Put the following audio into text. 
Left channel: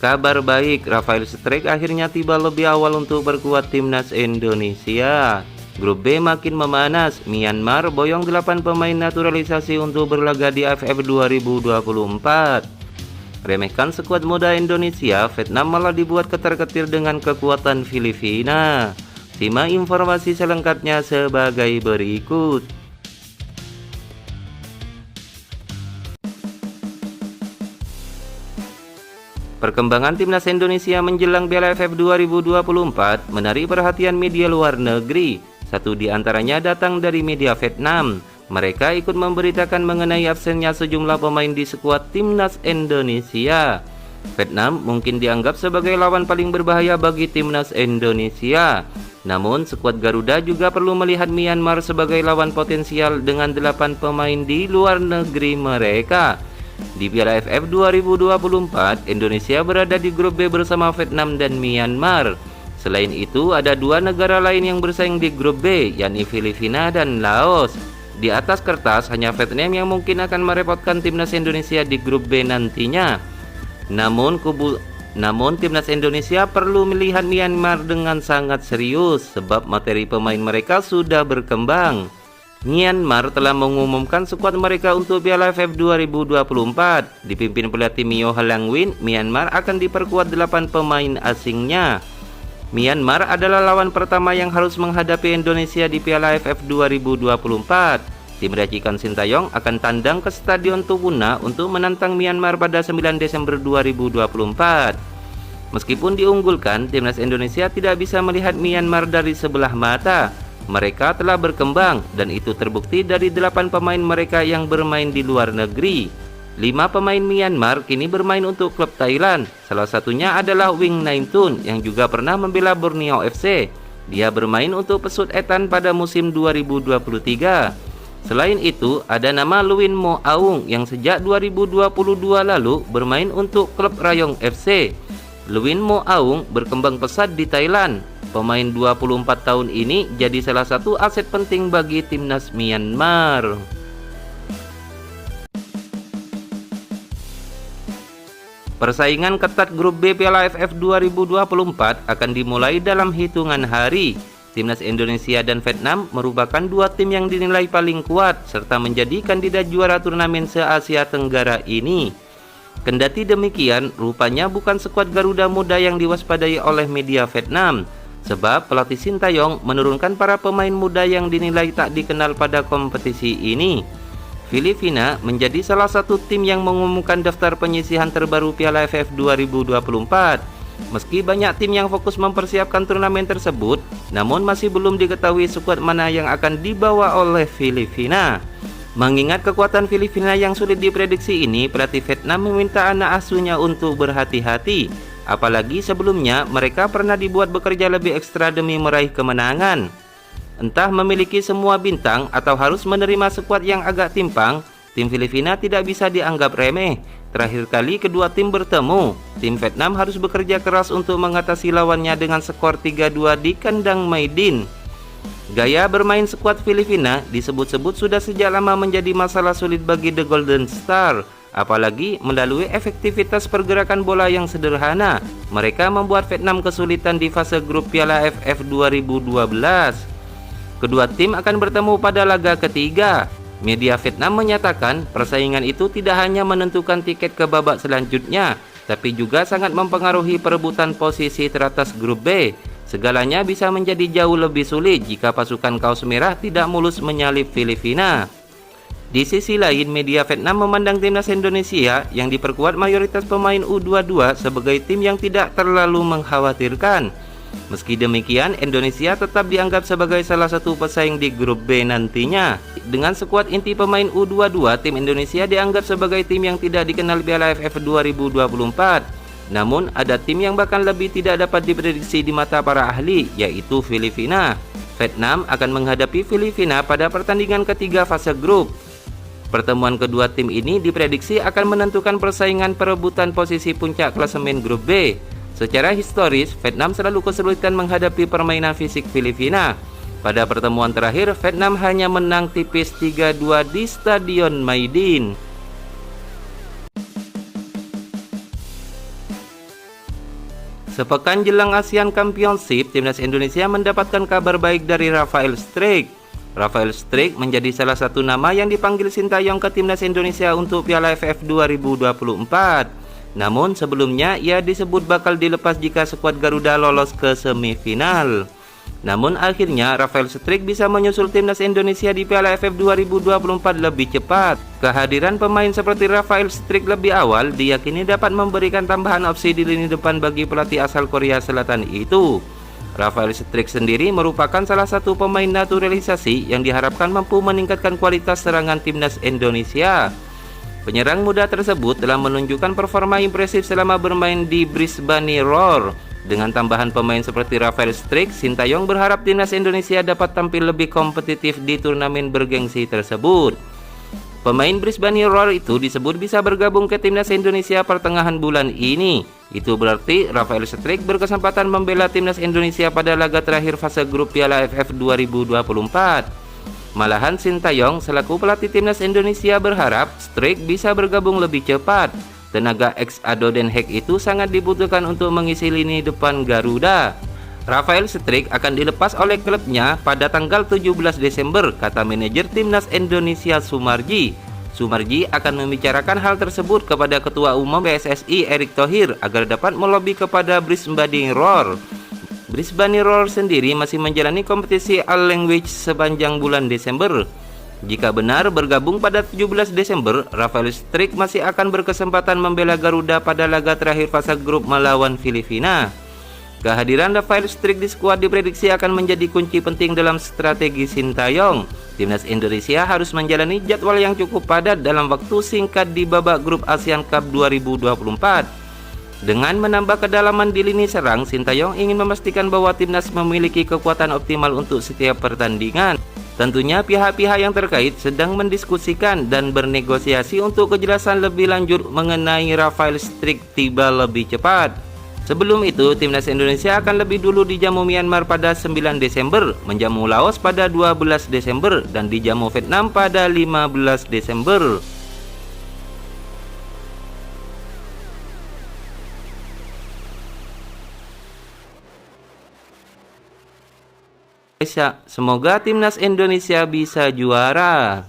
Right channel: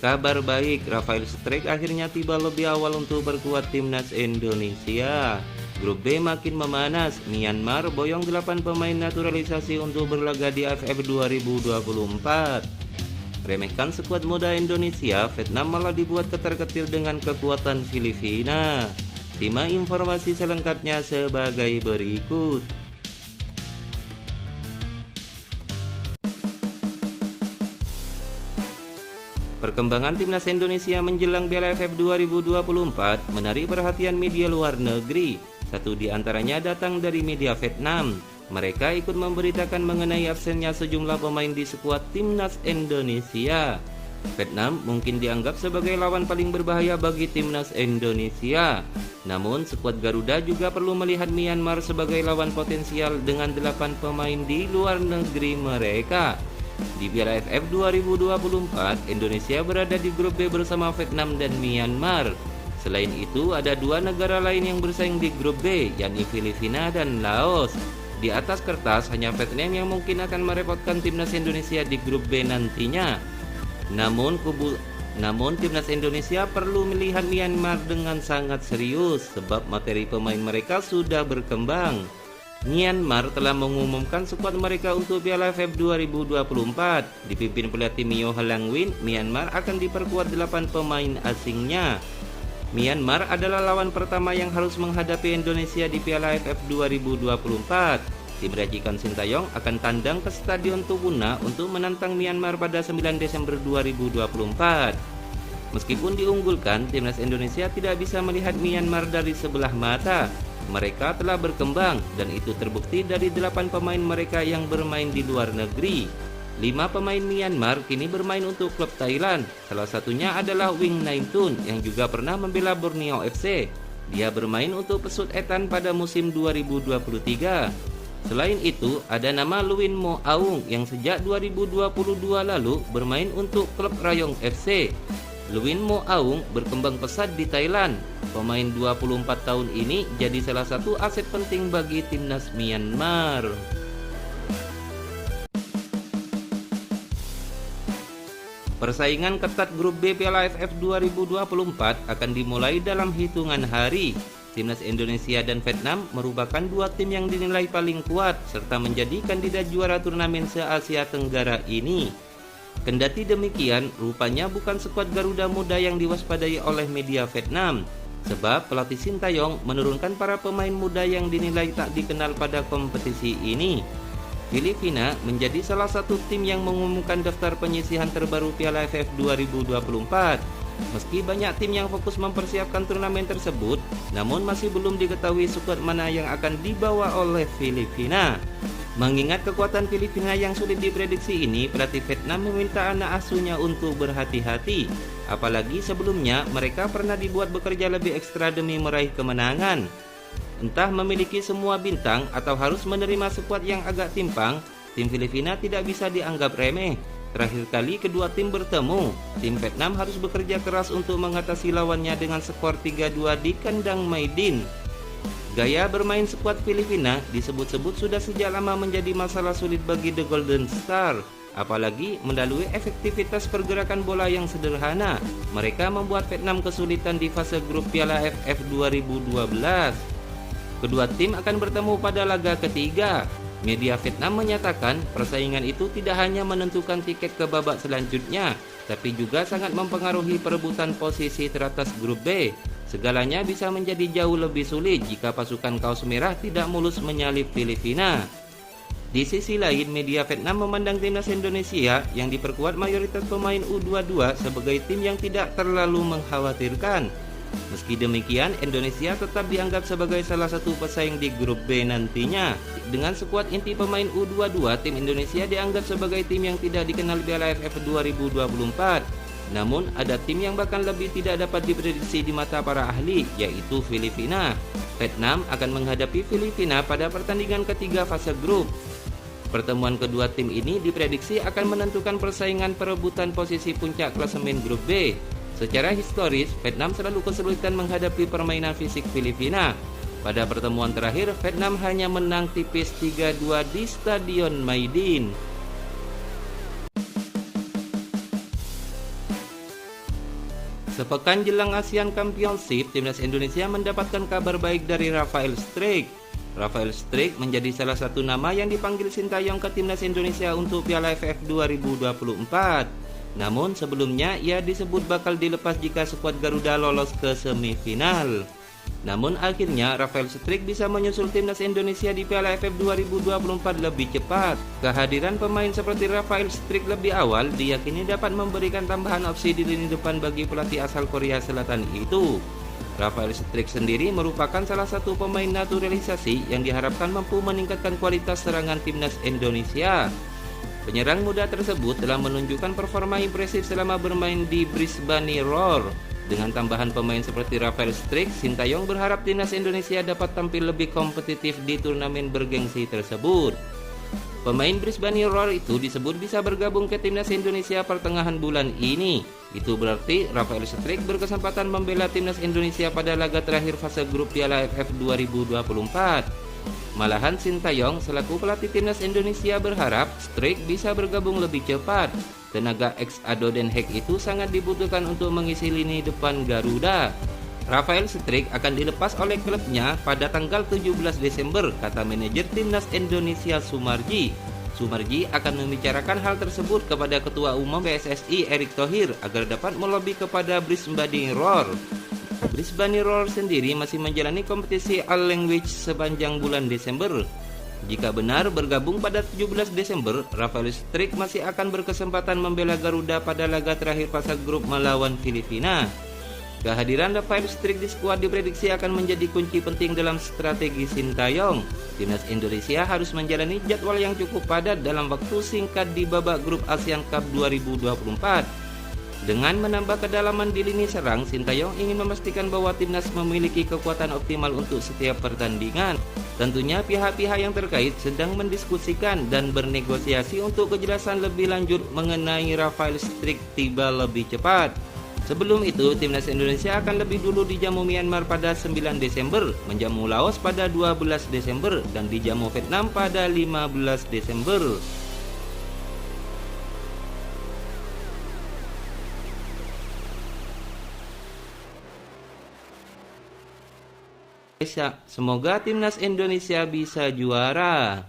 Kabar baik, Rafael Strijk akhirnya tiba lebih awal untuk berkuat timnas Indonesia. Grup B makin memanas, Myanmar boyong 8 pemain naturalisasi untuk berlaga di AFF 2024. Remehkan skuad muda Indonesia, Vietnam malah dibuat ketar-ketir dengan kekuatan Filipina. Simak informasi selengkapnya sebagai berikut. Perkembangan timnas Indonesia menjelang Piala AFF 2024 menarik perhatian media luar negeri. Satu di antaranya datang dari media Vietnam. Mereka ikut memberitakan mengenai absennya sejumlah pemain di skuad timnas Indonesia. Vietnam mungkin dianggap sebagai lawan paling berbahaya bagi timnas Indonesia. Namun skuad Garuda juga perlu melihat Myanmar sebagai lawan potensial dengan 8 pemain di luar negeri mereka. Di Piala AFF 2024, Indonesia berada di grup B bersama Vietnam dan Myanmar. Selain itu, ada 2 negara lain yang bersaing di grup B, yakni Filipina dan Laos. Di atas kertas, hanya Vietnam yang mungkin akan merepotkan timnas Indonesia di grup B nantinya. Namun timnas Indonesia perlu melihat Myanmar dengan sangat serius, sebab materi pemain mereka sudah berkembang. Myanmar telah mengumumkan skuad mereka untuk Piala AFF 2024. Dipimpin pelatih Mio Halangwin, Myanmar akan diperkuat 8 pemain asingnya. Myanmar adalah lawan pertama yang harus menghadapi Indonesia di Piala AFF 2024. Tim racikan Sintayong akan tandang ke Stadion Tuguna untuk menantang Myanmar pada 9 Desember 2024. Meskipun diunggulkan, timnas Indonesia tidak bisa melihat Myanmar dari sebelah mata. Mereka telah berkembang dan itu terbukti dari 8 pemain mereka yang bermain di luar negeri. 5 pemain Myanmar kini bermain untuk klub Thailand. Salah satunya adalah Wing Naimtun yang juga pernah membela Borneo FC. Dia bermain untuk Pesut Etan pada musim 2023. Selain itu, ada nama Luin Mo Aung yang sejak 2022 lalu bermain untuk klub Rayong FC. Luin Mo Aung berkembang pesat di Thailand. Pemain 24 tahun ini jadi salah satu aset penting bagi timnas Myanmar. Persaingan ketat grup B Piala AFF 2024 akan dimulai dalam hitungan hari. Timnas Indonesia dan Vietnam merupakan 2 tim yang dinilai paling kuat serta menjadi kandidat juara turnamen se-Asia Tenggara ini. Kendati demikian, rupanya bukan skuad Garuda muda yang diwaspadai oleh media Vietnam. Sebab pelatih Sintayong menurunkan para pemain muda yang dinilai tak dikenal pada kompetisi ini. Filipina menjadi salah satu tim yang mengumumkan daftar penyisihan terbaru Piala AFF 2024. Meski banyak tim yang fokus mempersiapkan turnamen tersebut, namun masih belum diketahui skuad mana yang akan dibawa oleh Filipina. Mengingat kekuatan Filipina yang sulit diprediksi ini, pelatih Vietnam meminta anak asuhnya untuk berhati-hati. Apalagi sebelumnya mereka pernah dibuat bekerja lebih ekstra demi meraih kemenangan. Entah memiliki semua bintang atau harus menerima skuad yang agak timpang, tim Filipina tidak bisa dianggap remeh. Terakhir kali kedua tim bertemu, tim Vietnam harus bekerja keras untuk mengatasi lawannya dengan skor 3-2 di kandang Maidin. Gaya bermain skuad Filipina disebut-sebut sudah sejak lama menjadi masalah sulit bagi The Golden Star. Apalagi melalui efektivitas pergerakan bola yang sederhana, mereka membuat Vietnam kesulitan di fase grup Piala AFF 2012. Kedua tim akan bertemu pada laga ketiga. Media Vietnam menyatakan persaingan itu tidak hanya menentukan tiket ke babak selanjutnya, tapi juga sangat mempengaruhi perebutan posisi teratas grup B. Segalanya bisa menjadi jauh lebih sulit jika pasukan kaos merah tidak mulus menyalip Filipina. Di sisi lain, media Vietnam memandang timnas Indonesia yang diperkuat mayoritas pemain U22 sebagai tim yang tidak terlalu mengkhawatirkan. Meski demikian, Indonesia tetap dianggap sebagai salah satu pesaing di grup B nantinya. Dengan skuad inti pemain U22, tim Indonesia dianggap sebagai tim yang tidak dikenal Piala AFF 2024. Namun, ada tim yang bahkan lebih tidak dapat diprediksi di mata para ahli, yaitu Filipina. Vietnam akan menghadapi Filipina pada pertandingan ketiga fase grup. Pertemuan kedua tim ini diprediksi akan menentukan persaingan perebutan posisi puncak klasemen grup B. Secara historis, Vietnam selalu kesulitan menghadapi permainan fisik Filipina. Pada pertemuan terakhir, Vietnam hanya menang tipis 3-2 di Stadion Maidin. Sepekan jelang ASEAN Championship, timnas Indonesia mendapatkan kabar baik dari Rafael Strijk. Rafael Strijk menjadi salah satu nama yang dipanggil Sintayong ke timnas Indonesia untuk Piala AFF 2024. Namun sebelumnya ia disebut bakal dilepas jika skuad Garuda lolos ke semifinal. Namun akhirnya Rafael Strijk bisa menyusul timnas Indonesia di Piala AFF 2024 lebih cepat. Kehadiran pemain seperti Rafael Strijk lebih awal diyakini dapat memberikan tambahan opsi di lini depan bagi pelatih asal Korea Selatan itu. Rafael Strijk sendiri merupakan salah satu pemain naturalisasi yang diharapkan mampu meningkatkan kualitas serangan timnas Indonesia. Penyerang muda tersebut telah menunjukkan performa impresif selama bermain di Brisbane Roar. Dengan tambahan pemain seperti Rafael Strijk, Sintayong berharap timnas Indonesia dapat tampil lebih kompetitif di turnamen bergengsi tersebut. Pemain Brisbane Roar itu disebut bisa bergabung ke timnas Indonesia pertengahan bulan ini. Itu berarti Rafael Strijk berkesempatan membela timnas Indonesia pada laga terakhir fase grup Piala AFF 2024. Malahan Sintayong selaku pelatih timnas Indonesia berharap Strijk bisa bergabung lebih cepat. Tenaga ex-Ado Den Haag itu sangat dibutuhkan untuk mengisi lini depan Garuda. Rafael Strijk akan dilepas oleh klubnya pada tanggal 17 Desember, kata manajer timnas Indonesia Sumarji. Sumarji akan membicarakan hal tersebut kepada Ketua Umum PSSI Erick Thohir agar dapat melobi kepada Brisbane Roar. Brisbane Roar sendiri masih menjalani kompetisi All Language sepanjang bulan Desember. Jika benar bergabung pada 17 Desember, Rafael Strijk masih akan berkesempatan membela Garuda pada laga terakhir fase grup melawan Filipina. Kehadiran Rafael Strijk di skuad diprediksi akan menjadi kunci penting dalam strategi Sintayong. Timnas Indonesia harus menjalani jadwal yang cukup padat dalam waktu singkat di babak grup ASEAN Cup 2024. Dengan menambah kedalaman di lini serang, Sintayong ingin memastikan bahwa timnas memiliki kekuatan optimal untuk setiap pertandingan. Tentunya pihak-pihak yang terkait sedang mendiskusikan dan bernegosiasi untuk kejelasan lebih lanjut mengenai Rafael Strijk tiba lebih cepat. Sebelum itu, timnas Indonesia akan lebih dulu dijamu Myanmar pada 9 Desember, menjamu Laos pada 12 Desember, dan dijamu Vietnam pada 15 Desember. Semoga timnas Indonesia bisa juara.